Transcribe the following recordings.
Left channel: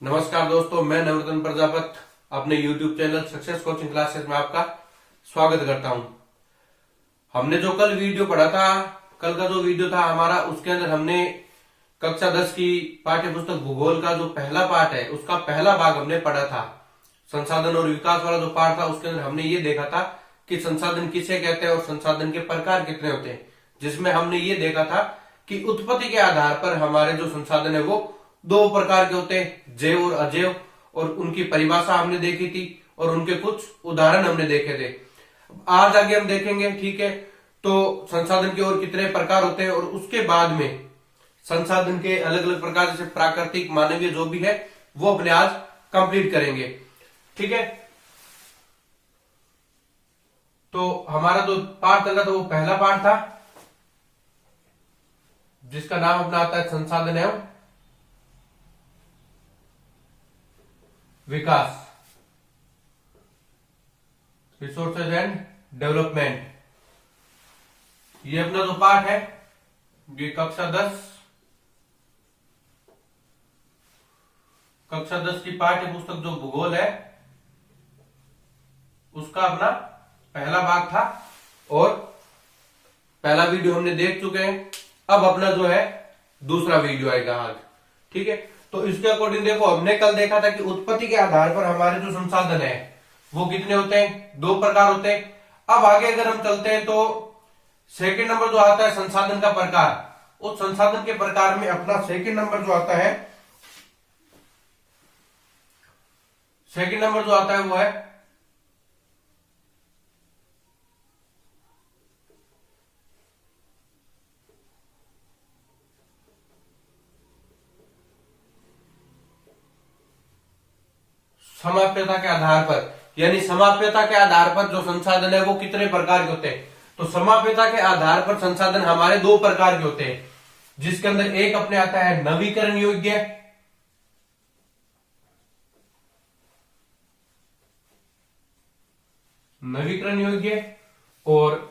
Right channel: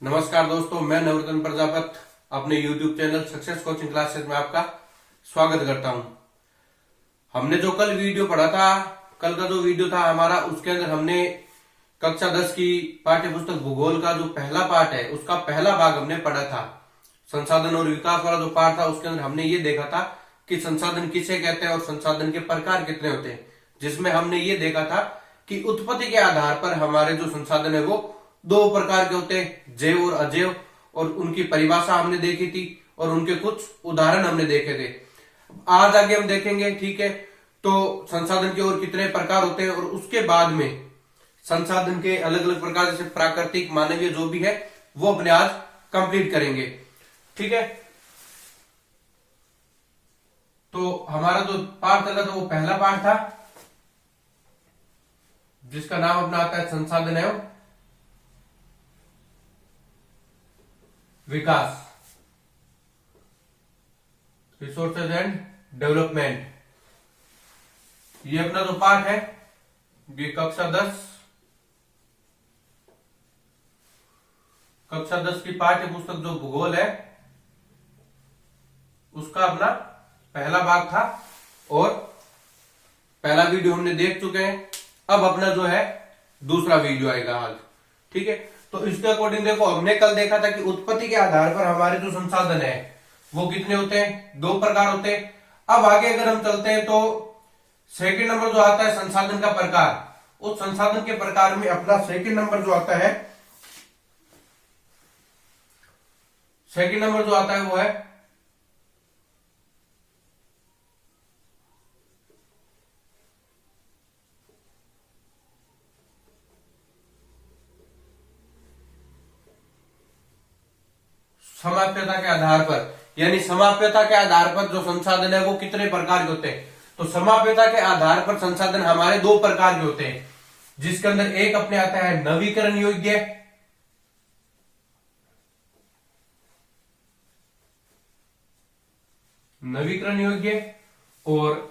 नमस्कार दोस्तों, मैं नवरत्न प्रजापत अपने YouTube channel success coaching classes में आपका स्वागत करता हूं। हमने जो कल वीडियो पढ़ा था, कल का जो वीडियो था हमारा, उसके अंदर हमने कक्षा 10 की पाठ्य पुस्तक भूगोल का जो पहला पार्ट है उसका पहला भाग हमने पढ़ा था। संसाधन और विकास वाला जो पार्ट था उसके अंदर हमने ये देखा था कि संसाधन किसे कहते हैं और संसाधन के प्रकार कितने होते हैं, जिसमें हमने ये देखा था कि उत्पत्ति के आधार पर हमारे जो संसाधन है वो दो प्रकार के होते हैं, जैव और अजैव, और उनकी परिभाषा हमने देखी थी और उनके कुछ उदाहरण हमने देखे थे। आज आगे हम देखेंगे, ठीक है। तो संसाधन के और कितने प्रकार होते हैं और उसके बाद में संसाधन के अलग अलग प्रकार, जैसे प्राकृतिक, मानवीय, जो भी है वो अपने आज कंप्लीट करेंगे, ठीक है। तो हमारा जो पार्ट चल रहा था वो पहला पार्ट था, जिसका नाम अपना आता है संसाधन एवं विकास, रिसोर्सेज एंड डेवलपमेंट। ये अपना जो पार्ट है ये कक्षा 10 की पाठ्य पुस्तक जो भूगोल है उसका अपना पहला भाग था और पहला वीडियो हमने देख चुके हैं। अब अपना जो है दूसरा वीडियो आएगा आज, ठीक है। तो इसके अकॉर्डिंग देखो, हमने कल देखा था कि उत्पत्ति के आधार पर हमारे जो संसाधन है वो कितने होते हैं, दो प्रकार होते हैं। अब आगे अगर हम चलते हैं तो सेकंड नंबर जो आता है संसाधन का प्रकार, उस संसाधन के प्रकार में अपना सेकंड नंबर जो आता है वो है समाप्यता के आधार पर, यानी समाप्यता के आधार पर जो संसाधन है वो कितने प्रकार के होते हैं। तो समाप्यता के आधार पर संसाधन हमारे दो प्रकार के होते हैं, जिसके अंदर एक अपने आता है नवीकरण योग्य, और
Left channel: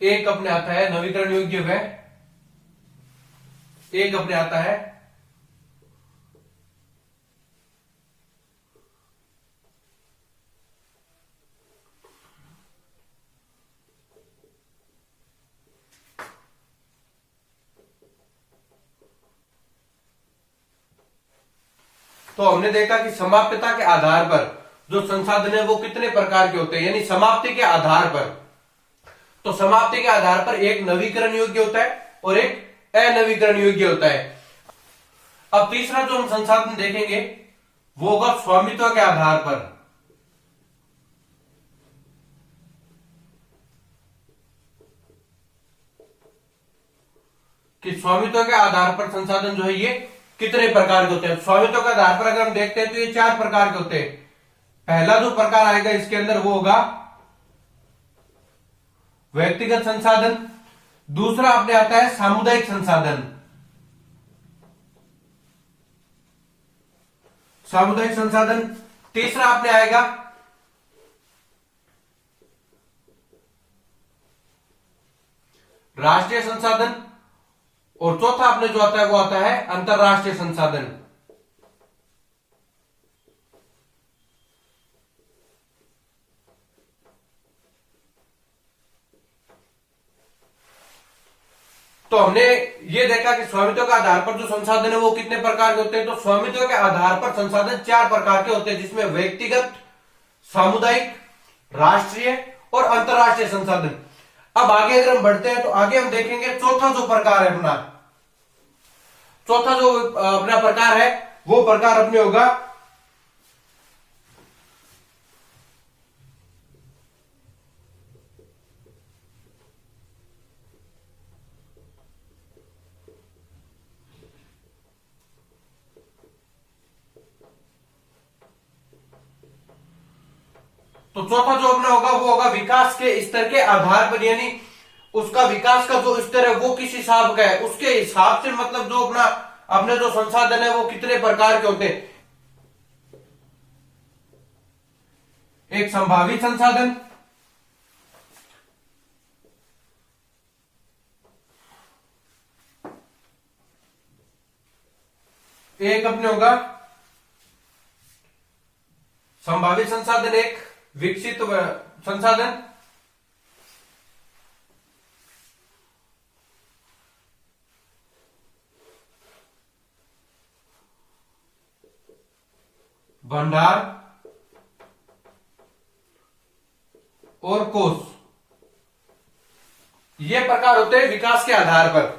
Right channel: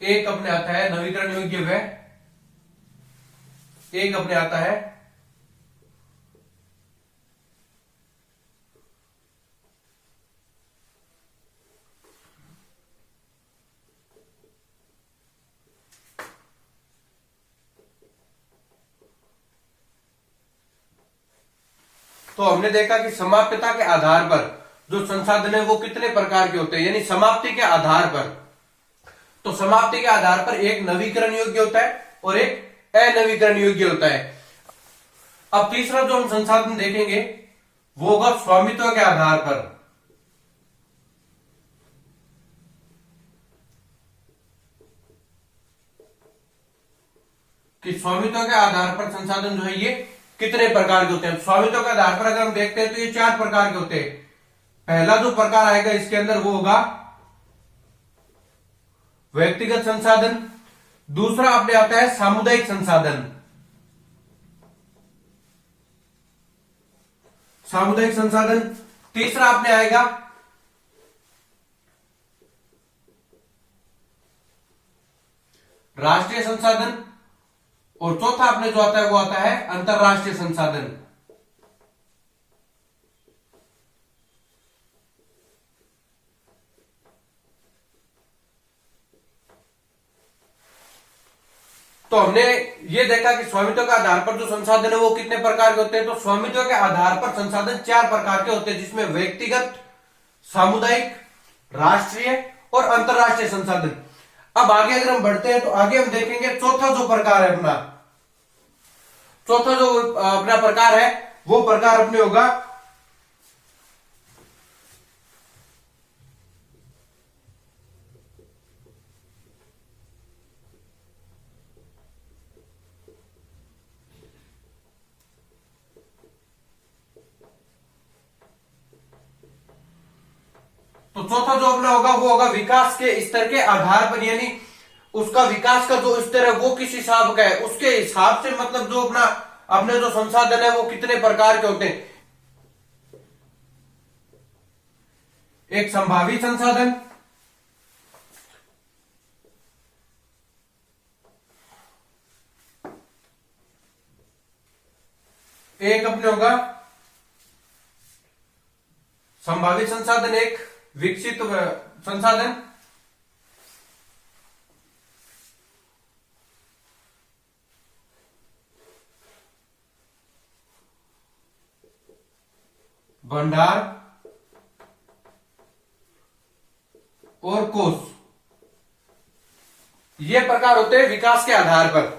एक अपने आता है नवीकरण योग्य व एक अपने आता है तो हमने देखा कि समाप्यता के आधार पर जो संसाधन है वो कितने प्रकार के होते हैं, यानी समाप्ति के आधार पर। तो समाप्ति के आधार पर एक नवीकरण योग्य होता है और एक अनवीकरण योग्य होता है। अब तीसरा जो हम संसाधन देखेंगे वो होगा स्वामित्व के आधार पर। कि स्वामित्व के आधार पर संसाधन जो है ये कितने प्रकार के होते हैं। स्वामित्व के आधार पर अगर हम देखते हैं तो ये चार प्रकार के होते हैं। पहला जो प्रकार आएगा इसके अंदर वो होगा व्यक्तिगत संसाधन, दूसरा अपने आता है सामुदायिक संसाधन, तीसरा अपने आएगा राष्ट्रीय संसाधन, और चौथा अपने जो आता है वो आता है अंतरराष्ट्रीय संसाधन। तो हमने ये देखा कि स्वामित्व के आधार पर जो संसाधन है वो कितने प्रकार के होते हैं। तो स्वामित्व के आधार पर संसाधन चार प्रकार के होते हैं, जिसमें व्यक्तिगत, सामुदायिक, राष्ट्रीय और अंतरराष्ट्रीय संसाधन। अब आगे अगर हम बढ़ते हैं तो आगे हम देखेंगे चौथा जो प्रकार है अपना, चौथा जो अपना प्रकार है वो प्रकार अपने होगा तो चौथा जो अपना होगा वो होगा विकास के स्तर के आधार पर, यानी उसका विकास का जो स्तर है वो किस हिसाब का है उसके हिसाब से, मतलब जो अपने जो संसाधन है वो कितने प्रकार के होते हैं। एक संभावित संसाधन, एक अपने होगा संभावित संसाधन, एक विकसित संसाधन, भंडार और कोष। ये प्रकार होते हैं विकास के आधार पर।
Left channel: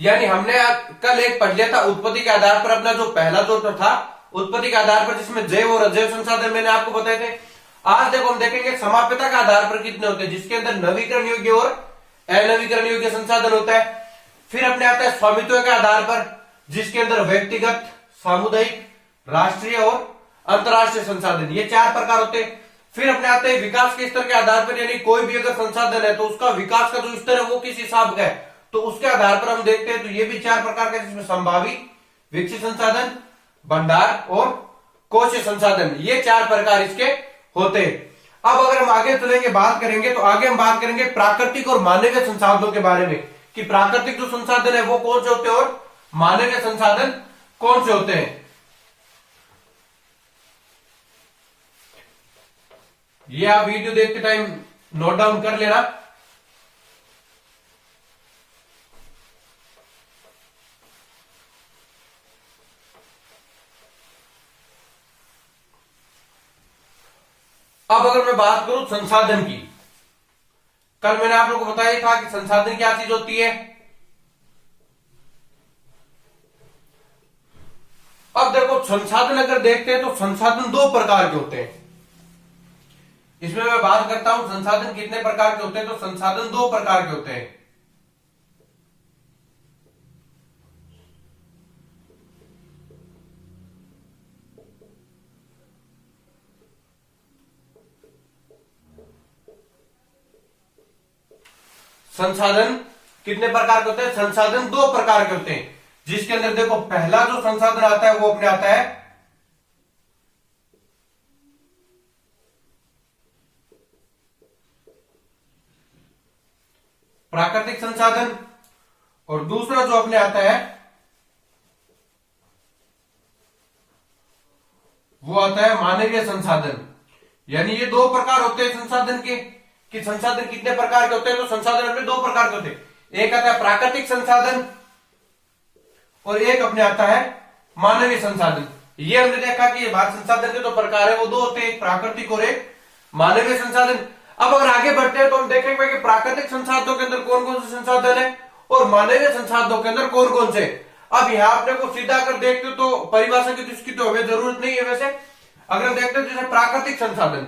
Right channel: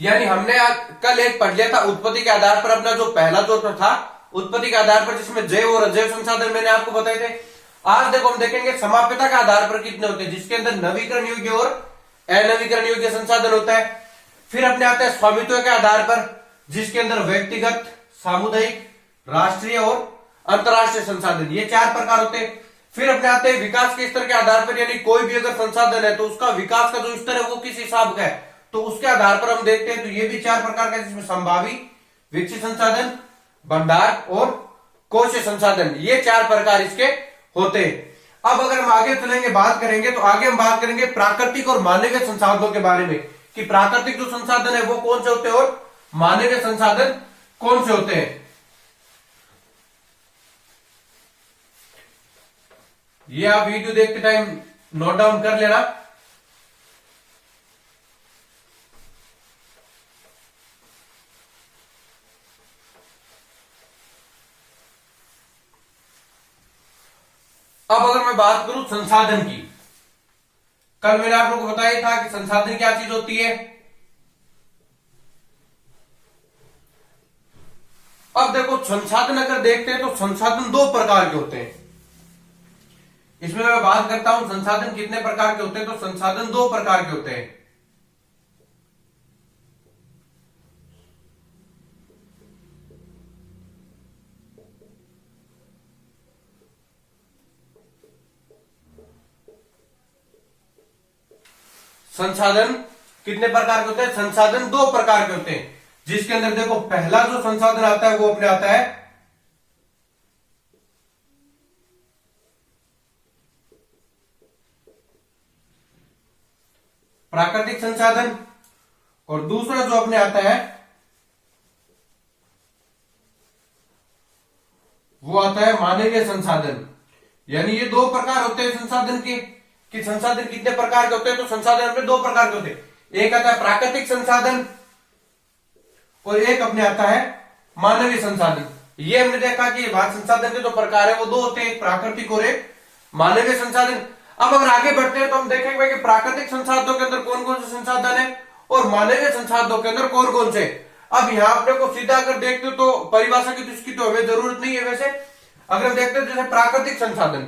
यानी हमने कल एक पढ़ लिया था उत्पत्ति के आधार पर, अपना जो पहला जो था उत्पत्ति के आधार पर, जिसमें जैव और अजैव संसाधन मैंने आपको बताए थे। आज देखो हम देखेंगे समाप्यता के आधार पर कितने होते हैं, जिसके अंदर नवीकरण योग्य और अनवीकरण योग्य संसाधन होता है। फिर अपने आते हैं स्वामित्व के आधार पर, जिसके अंदर व्यक्तिगत, सामुदायिक, राष्ट्रीय और अंतरराष्ट्रीय संसाधन, ये चार प्रकार होते हैं। फिर अपने आते हैं विकास के स्तर के आधार पर, यानी कोई भी अगर संसाधन है तो उसका विकास का जो स्तर है वो किस हिसाब का है, तो उसके आधार पर हम देखते हैं। तो ये भी चार प्रकार का, जिसमें संभावित, विकसित संसाधन, भंडार और कोषीय संसाधन, ये चार प्रकार इसके होते हैं। अब अगर हम आगे चलेंगे, बात करेंगे, तो आगे हम बात करेंगे प्राकृतिक और मानवीय संसाधनों के बारे में, कि प्राकृतिक जो संसाधन है वो कौन से होते हैं और मानवीय संसाधन कौन से होते हैं। ये आप वीडियो देखते टाइम नोट डाउन कर लेना। अब अगर मैं बात करूं संसाधन की, कल मैंने आप लोगों को बताया था कि संसाधन क्या चीज होती है। अब देखो संसाधन अगर देखते हैं तो संसाधन दो प्रकार के होते हैं। इसमें मैं बात करता हूं संसाधन कितने प्रकार के होते हैं, तो संसाधन दो प्रकार के होते हैं। संसाधन कितने प्रकार के होते हैं, संसाधन दो प्रकार के होते हैं, जिसके अंदर देखो पहला जो संसाधन आता है वो अपने आता है प्राकृतिक संसाधन, और दूसरा जो अपने आता है वो आता है मानवीय संसाधन। यानी ये दो प्रकार होते हैं संसाधन के, कि संसाधन कितने प्रकार के होते हैं, तो संसाधन में दो प्रकार के होते हैं। एक आता है प्राकृतिक संसाधन और एक अपने आता है मानवीय संसाधन। ये हमने देखा कि संसाधन के दो प्रकार है, वो दो होते हैं, एक प्राकृतिक और एक मानवीय संसाधन। अब अगर आगे बढ़ते हैं तो हम देखेंगे कि प्राकृतिक संसाधनों के अंदर कौन कौन से संसाधन है और मानवीय संसाधनों के अंदर कौन कौन से। अब यहाँ अपने को सीधा अगर देखते हो तो परिभाषा की तो इसकी तो हमें जरूरत नहीं है। वैसे अगर देखते हो जैसे प्राकृतिक संसाधन,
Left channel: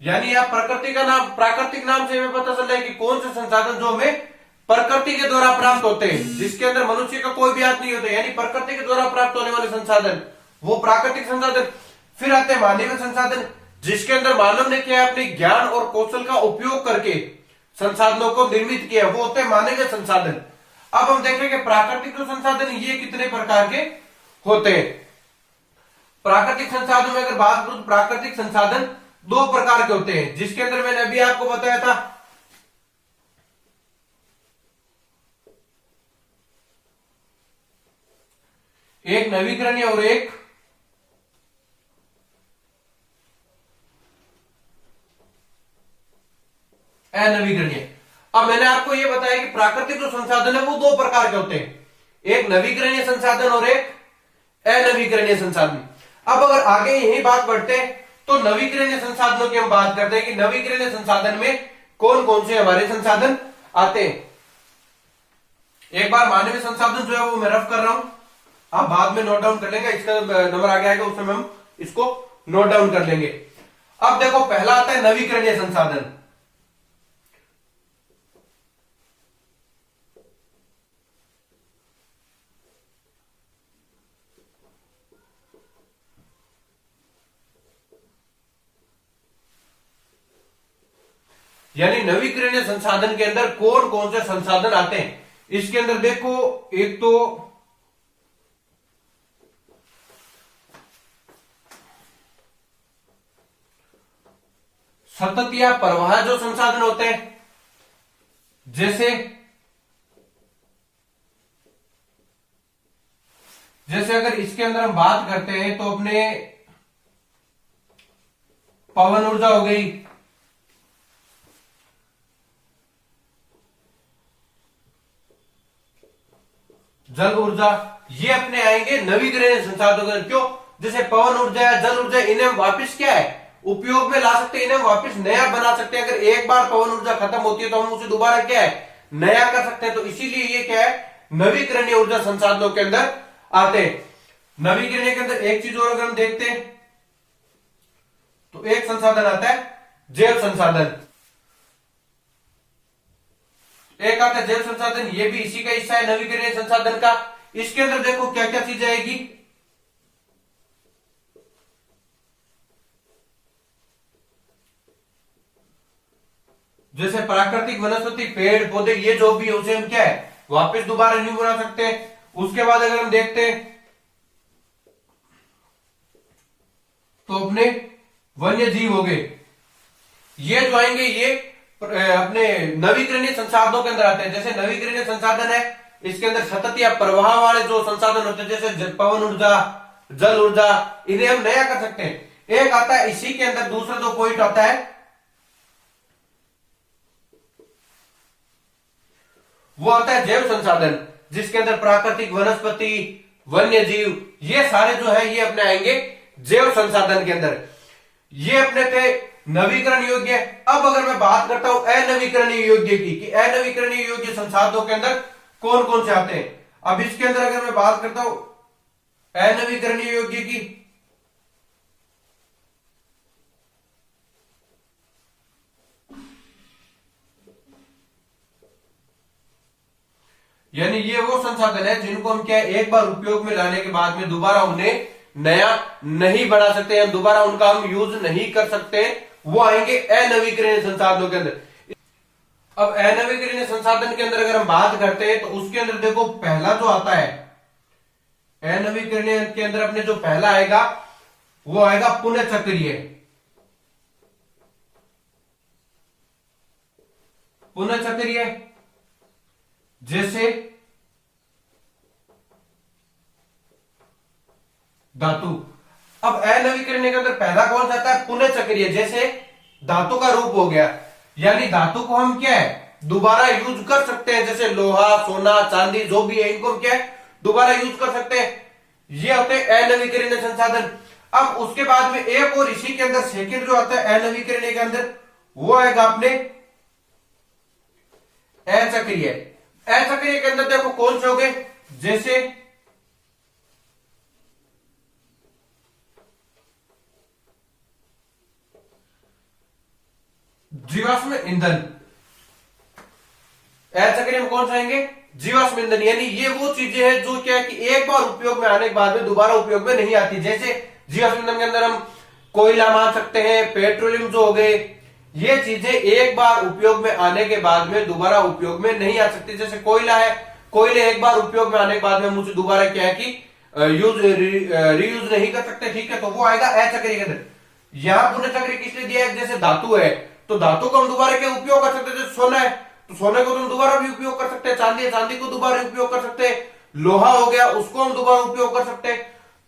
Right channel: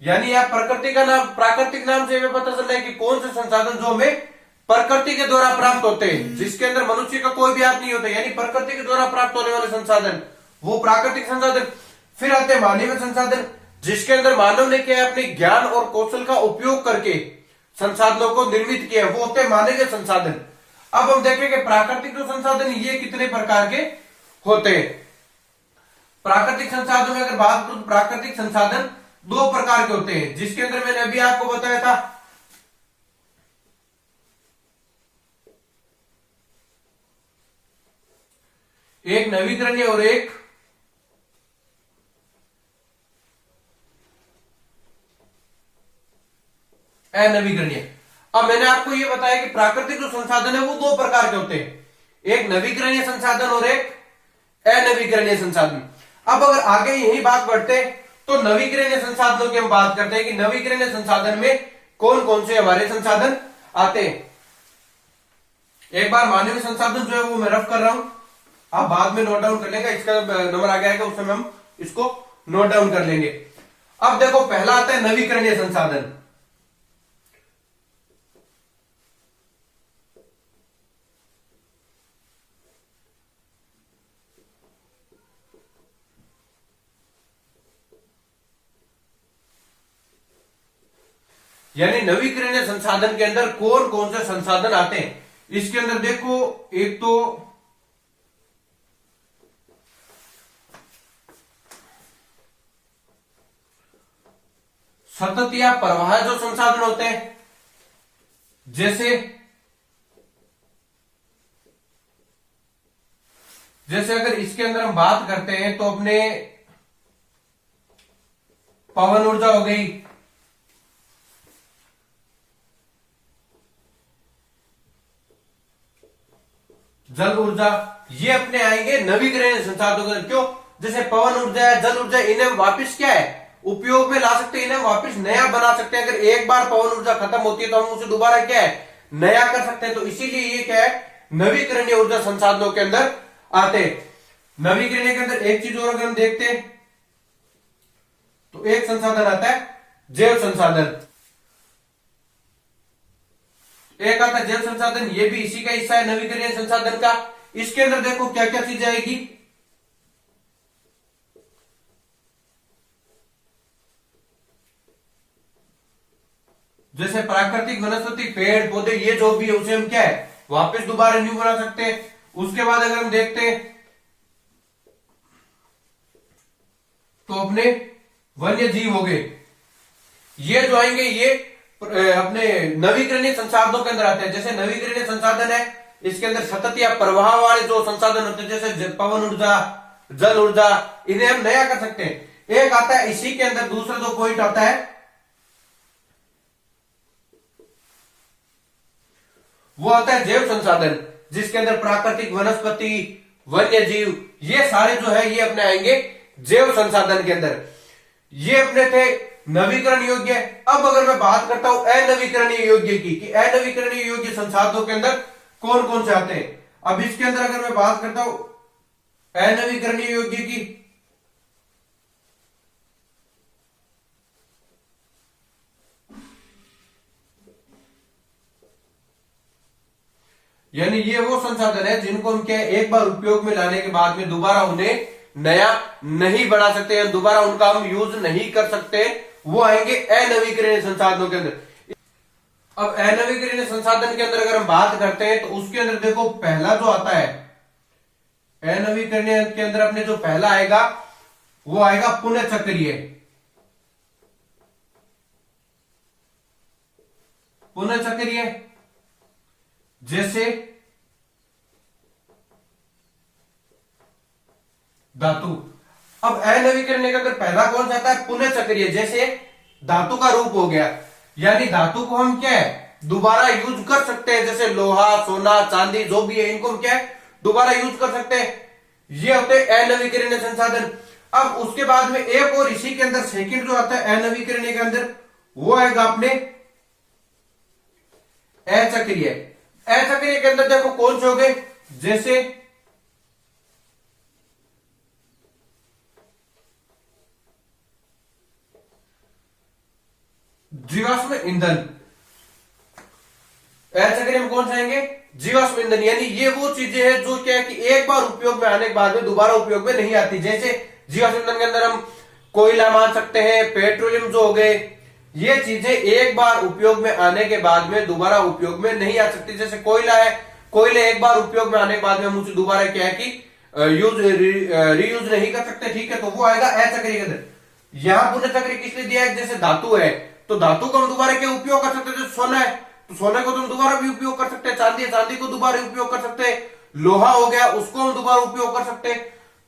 यानी आप प्रकृति का नाम, प्राकृतिक नाम से हमें पता चल रहा है कि कौन से संसाधन जो हमें प्रकृति के द्वारा प्राप्त होते हैं, जिसके अंदर मनुष्य का कोई भी हाथ नहीं होता, यानी प्रकृति के द्वारा प्राप्त होने वाले संसाधन, वो प्राकृतिक संसाधन। फिर आते हैं मानवीय संसाधन, जिसके अंदर मानव ने क्या अपने ज्ञान और कौशल का उपयोग करके संसाधनों को निर्मित किया, वो होते हैं मानवीय संसाधन। अब हम देखेंगे प्राकृतिक जो संसाधन ये कितने प्रकार के होते हैं। प्राकृतिक संसाधनों में अगर बात करूं तो प्राकृतिक संसाधन दो प्रकार के होते हैं, जिसके अंदर मैंने अभी आपको बताया था एक नवीकरणीय और एक अनवीकरणीय। अब मैंने आपको यह बताया कि प्राकृतिक जो संसाधन है वो दो प्रकार के होते हैं, एक नवीकरणीय संसाधन और एक अनवीकरणीय संसाधन। अब अगर आगे यही बात बढ़ते हैं तो नवीकरणीय संसाधनों की हम बात करते हैं कि नवीकरणीय संसाधन में कौन कौन से हमारे संसाधन आते हैं। एक बार मानवीय संसाधन जो है वो मैं रफ कर रहा हूं, आप बाद में नोट डाउन कर लेंगे, इसका नंबर आगे आएगा उस समय हम इसको नोट डाउन कर लेंगे। अब देखो पहला आता है नवीकरणीय संसाधन। यानी नवीकरणीय संसाधन के अंदर कौन कौन से संसाधन आते हैं, इसके अंदर देखो एक तो सतत या प्रवाह जो संसाधन होते हैं, जैसे अगर इसके अंदर हम बात करते हैं तो अपने पवन ऊर्जा हो गई, जल ऊर्जा, ये अपने आएंगे नवीकरणीय संसाधनों के अंदर। क्यों? जैसे पवन ऊर्जा है, जल ऊर्जा, इन्हें हम वापिस क्या है उपयोग में ला सकते हैं, इन्हें वापिस नया बना सकते हैं। अगर एक बार पवन ऊर्जा खत्म होती है तो हम उसे दोबारा क्या है नया कर सकते हैं। तो इसीलिए ये क्या है नवीकरणीय ऊर्जा संसाधनों के अंदर आते हैं। नवीकरणीय के अंदर एक चीज और अगर हम देखते हैं तो एक संसाधन आता है जैव संसाधन, एक आता है जैव संसाधन, ये भी इसी का हिस्सा है नवीकरणीय संसाधन का। इसके अंदर देखो क्या क्या चीजें आएगी, जैसे प्राकृतिक वनस्पति, पेड़ पौधे, ये जो भी है उसे हम क्या है वापस दोबारा न्यू बना सकते हैं। उसके बाद अगर हम देखते हैं तो अपने वन्य जीव हो गए, ये जो आएंगे ये अपने नवीकरणीय संसाधनों के अंदर आते हैं। जैसे नवीकरणीय संसाधन है, इसके अंदर सतत या प्रवाह वाले जो संसाधन होते हैं जैसे पवन ऊर्जा, जल ऊर्जा, इन्हें हम नया कर सकते हैं। एक आता है इसी के अंदर दूसरा जो पॉइंट आता है वो आता है जैव संसाधन, जिसके अंदर प्राकृतिक वनस्पति, वन्य जीव, ये सारे जो है ये अपने आएंगे जैव संसाधन के अंदर। ये अपने थे नवीकरण योग्य। अब अगर मैं बात करता हूं अनवीकरणीय योग्य की, कि अनवीकरणीय योग्य संसाधनों के अंदर कौन कौन से आते हैं। अब इसके अंदर अगर मैं बात करता हूं अनवीकरणीय योग्य की, यानी ये वो संसाधन है जिनको हम क्या एक बार उपयोग में लाने के बाद में दोबारा उन्हें नया नहीं बना सकते हैं, दोबारा उनका हम यूज नहीं कर सकते, वो आएंगे अनवीकरणीय संसाधनों के अंदर। अब अनवीकरणीय संसाधन के अंदर अगर हम बात करते हैं तो उसके अंदर देखो पहला जो आता है अनवीकरणीय के अंदर अपने जो पहला आएगा वो आएगा पुनः चक्रीय। पुनः चक्रीय जैसे धातु। अब अनवीकरणीय के अंदर पहला कौन सा आता है पुनः चक्रीय, जैसे धातु का रूप हो गया, यानी धातु को हम क्या है दोबारा यूज कर सकते हैं। जैसे लोहा, सोना, चांदी जो भी है इनको हम क्या है दोबारा यूज कर सकते हैं। ये होते हैं अनवीकरणीय संसाधन। अब उसके बाद में एक और इसी के अंदर सेकंड जो आता है अनवीकरणीय के अंदर वो आएगा अपने अचक्रीय। अचक्रीय के अंदर देखो कौन से हो गए, जैसे जीवाश्म ईंधन। अचक्रीय में कौन से आएंगे जीवाश्म ईंधन, यानी ये वो चीजें हैं जो क्या है कि एक बार उपयोग में आने के बाद में दोबारा उपयोग में नहीं आती। जैसे जीवाश्म ईंधन के अंदर हम कोयला मान सकते हैं, पेट्रोलियम जो हो गए, ये चीजें एक बार उपयोग में आने के बाद में दोबारा उपयोग में नहीं आ सकती। जैसे कोयला है, कोयले एक बार उपयोग में आने के बाद में हम उसे दोबारा क्या है कि रीयूज नहीं कर सकते, ठीक है, तो वो आएगा अचक्रीय के अंदर। यहां पुनः चक्रीय किस लिए दिया है, जैसे धातु है तो धातु को हम दोबारा क्या उपयोग कर सकते हैं। जैसे सोना है तो सोने को तो हम दोबारा भी उपयोग कर सकते हैं, चांदी है चांदी को दोबारा उपयोग कर सकते हैं, लोहा हो गया उसको हम दोबारा उपयोग कर सकते हैं।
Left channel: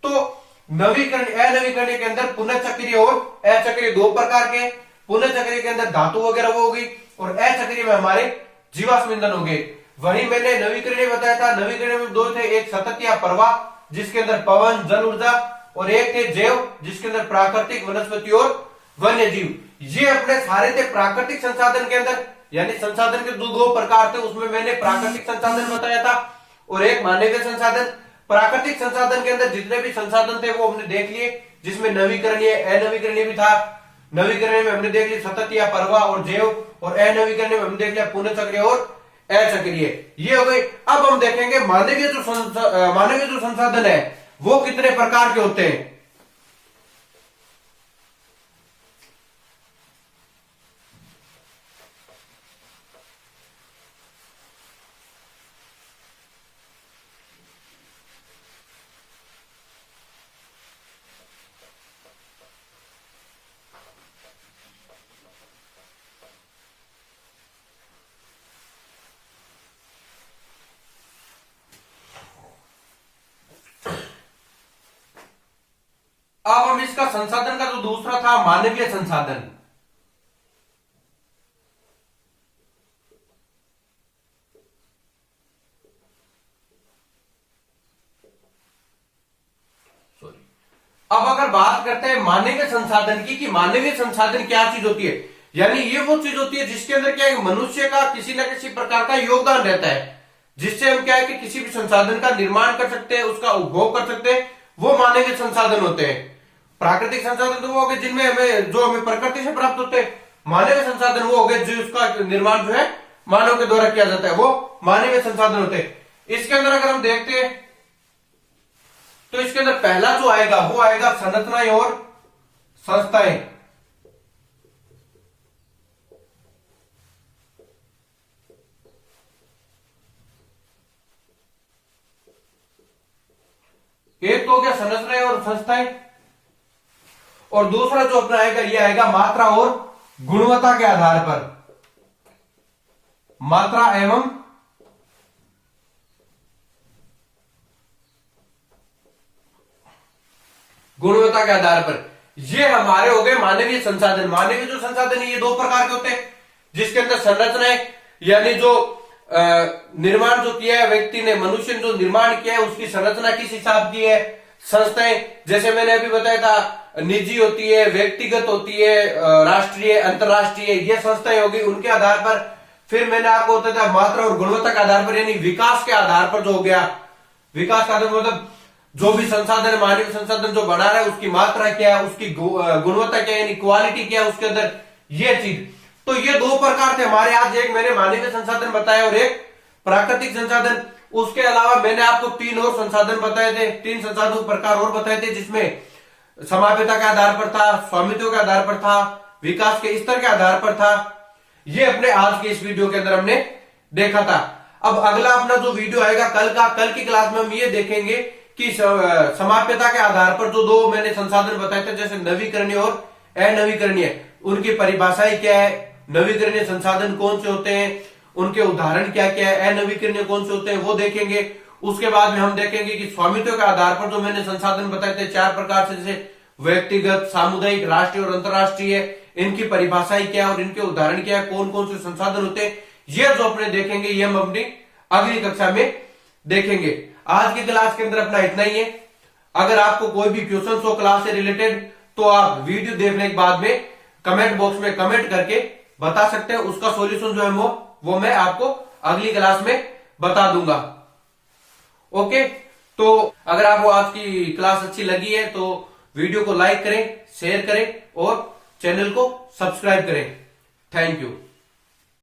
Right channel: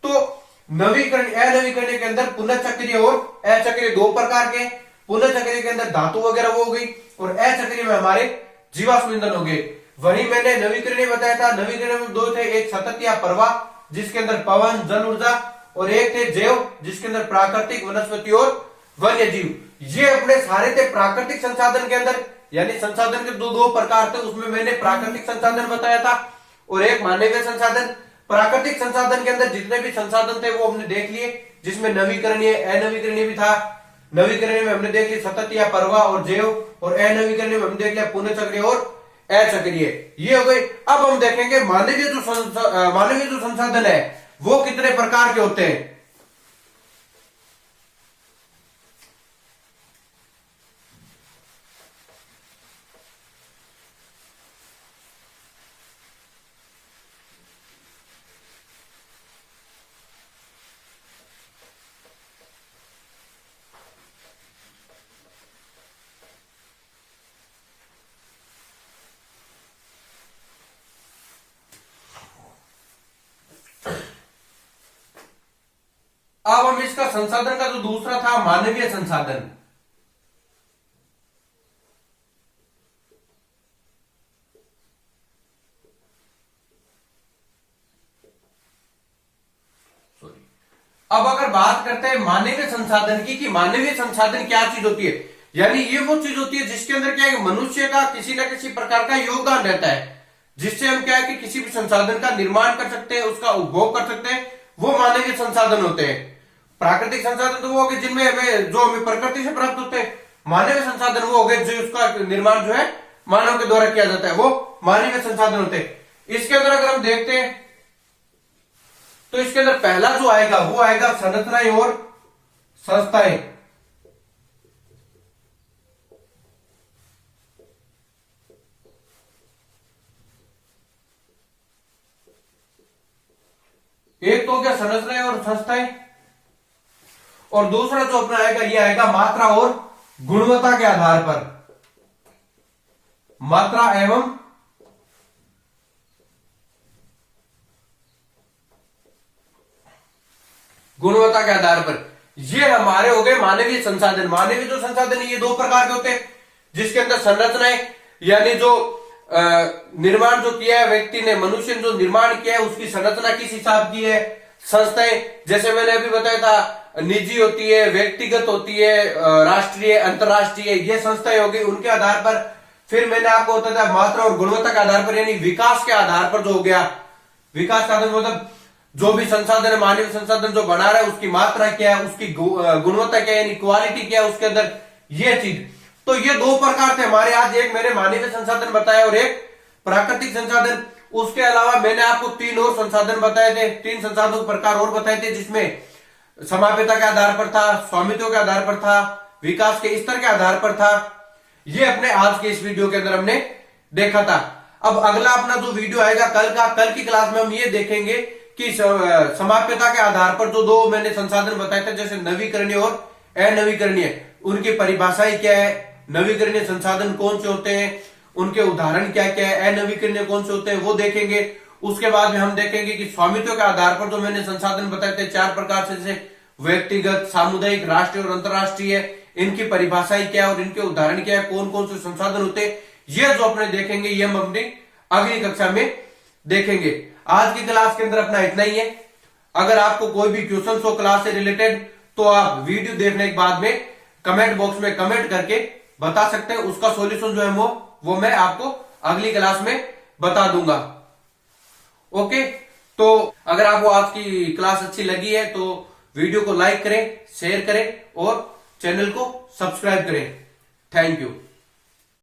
तो नवीकरण अनवीकरणीय के अंदर पुनः चक्रीय और अचक्रीय दो प्रकार के। पुनः चक्रीय के अंदर धातु वगैरह वो हो गई और अचक्रीय में हमारे जीवाश्म ईंधन हो गए। वही मैंने नवीकरणीय बताया था, नवीकरणीय में दो थे, एक सतत या प्रवाह जिसके अंदर पवन, जल ऊर्जा, और एक थे जैव जिसके अंदर प्राकृतिक, वनस्पति और वन्य जीव। ये अपने सारे थे प्राकृतिक संसाधन के अंदर, यानी संसाधन के दो प्रकार थे, उसमें मैंने प्राकृतिक संसाधन बताया था और एक मानवीय संसाधन। प्राकृतिक संसाधन के अंदर जितने भी संसाधन थे वो हमने देख लिए, जिसमें नवीकरणीय अनवीकरणीय भी था। नवीकरणीय में हमने देख लिया सतत या प्रवाह और जैव, और अनवीकरणीय में हमने देख लिया पुनः चक्रीय और अचक्रीय, ये हो गई। अब हम देखेंगे मानवीय जो संसाधन है वो कितने प्रकार के होते हैं। इसका संसाधन का जो दूसरा था मानवीय संसाधन। अब अगर बात करते हैं मानवीय संसाधन की, कि मानवीय संसाधन क्या चीज होती है, यानी ये वो चीज होती है जिसके अंदर क्या है, मनुष्य का किसी न किसी प्रकार का योगदान रहता है, जिससे हम क्या है कि किसी भी संसाधन का निर्माण कर सकते हैं, उसका उपभोग कर सकते हैं, वो मानवीय संसाधन होते हैं। प्राकृतिक संसाधन तो वो हो गए जिनमें हमें प्रकृति से प्राप्त होते हैं। मानवीय संसाधन वो हो गए जो उसका निर्माण जो है मानव के द्वारा किया जाता है, वो मानवीय संसाधन होते हैं। इसके अंदर अगर हम देखते हैं तो इसके अंदर पहला जो आएगा वो आएगा संरचनाएं और संस्थाएं। एक तो क्या संरचनाएं और संस्थाएं, और दूसरा जो अपना आएगा ये आएगा मात्रा और गुणवत्ता के आधार पर, मात्रा एवं गुणवत्ता के आधार पर। ये हमारे हो गए मानवीय संसाधन। मानवीय जो संसाधन है ये दो प्रकार के होते हैं, जिसके अंदर संरचनाएं यानी जो निर्माण जो किया है व्यक्ति ने, मनुष्य ने जो निर्माण किया है उसकी संरचना किस हिसाब की है। संस्थाएं जैसे मैंने अभी बताया था निजी होती है, व्यक्तिगत होती है, राष्ट्रीय अंतरराष्ट्रीय, ये संस्थाएं होगी, उनके आधार पर। फिर मैंने आपको बताया था मात्रा और गुणवत्ता के आधार पर, यानी विकास के आधार पर जो हो गया, विकास का मतलब जो भी संसाधन है, मानवीय संसाधन जो बना रहा है उसकी मात्रा क्या है, उसकी गुणवत्ता क्या है, यानी क्वालिटी क्या है उसके अंदर, ये चीज। तो ये दो प्रकार थे हमारे आज, एक मैंने मानवीय संसाधन बताया और एक प्राकृतिक संसाधन। उसके अलावा मैंने आपको तीन और संसाधन बताए थे, तीन संसाधनों के प्रकार और बताए थे, जिसमें समाप्यता के आधार पर था, स्वामित्व के आधार पर था, विकास के स्तर के आधार पर था। ये अपने आज के इस वीडियो के अंदर हमने देखा था। अब अगला अपना जो वीडियो आएगा कल की क्लास में हम ये देखेंगे कि समाप्यता के आधार पर जो दो मैंने संसाधन बताए थे, जैसे नवीकरणीय और अनवीकरणीय, उनकी परिभाषाएं क्या है, नवीकरणीय संसाधन कौन से होते हैं, उनके उदाहरण क्या क्या है, अनवीकरणीय कौन से होते हैं, वो देखेंगे। उसके बाद में हम देखेंगे कि स्वामित्व के आधार पर जो मैंने संसाधन बताए थे चार प्रकार से, जैसे व्यक्तिगत, सामुदायिक, राष्ट्रीय और अंतरराष्ट्रीय, इनकी परिभाषाएं क्या है और इनके उदाहरण क्या है, कौन कौन से संसाधन होते हैं, ये जो अपने देखेंगे, ये हम अपनी अगली कक्षा में देखेंगे। आज की क्लास के अंदर अपना इतना ही है। अगर आपको कोई भी क्वेश्चन हो क्लास से रिलेटेड तो आप वीडियो देखने के बाद में कमेंट बॉक्स में कमेंट करके बता सकते हैं। उसका सॉल्यूशन जो है वो मैं आपको अगली क्लास में बता दूंगा। ओके, तो अगर आपको आज की क्लास अच्छी लगी है तो वीडियो को लाइक करें, शेयर करें और चैनल को सब्सक्राइब करें। Thank you.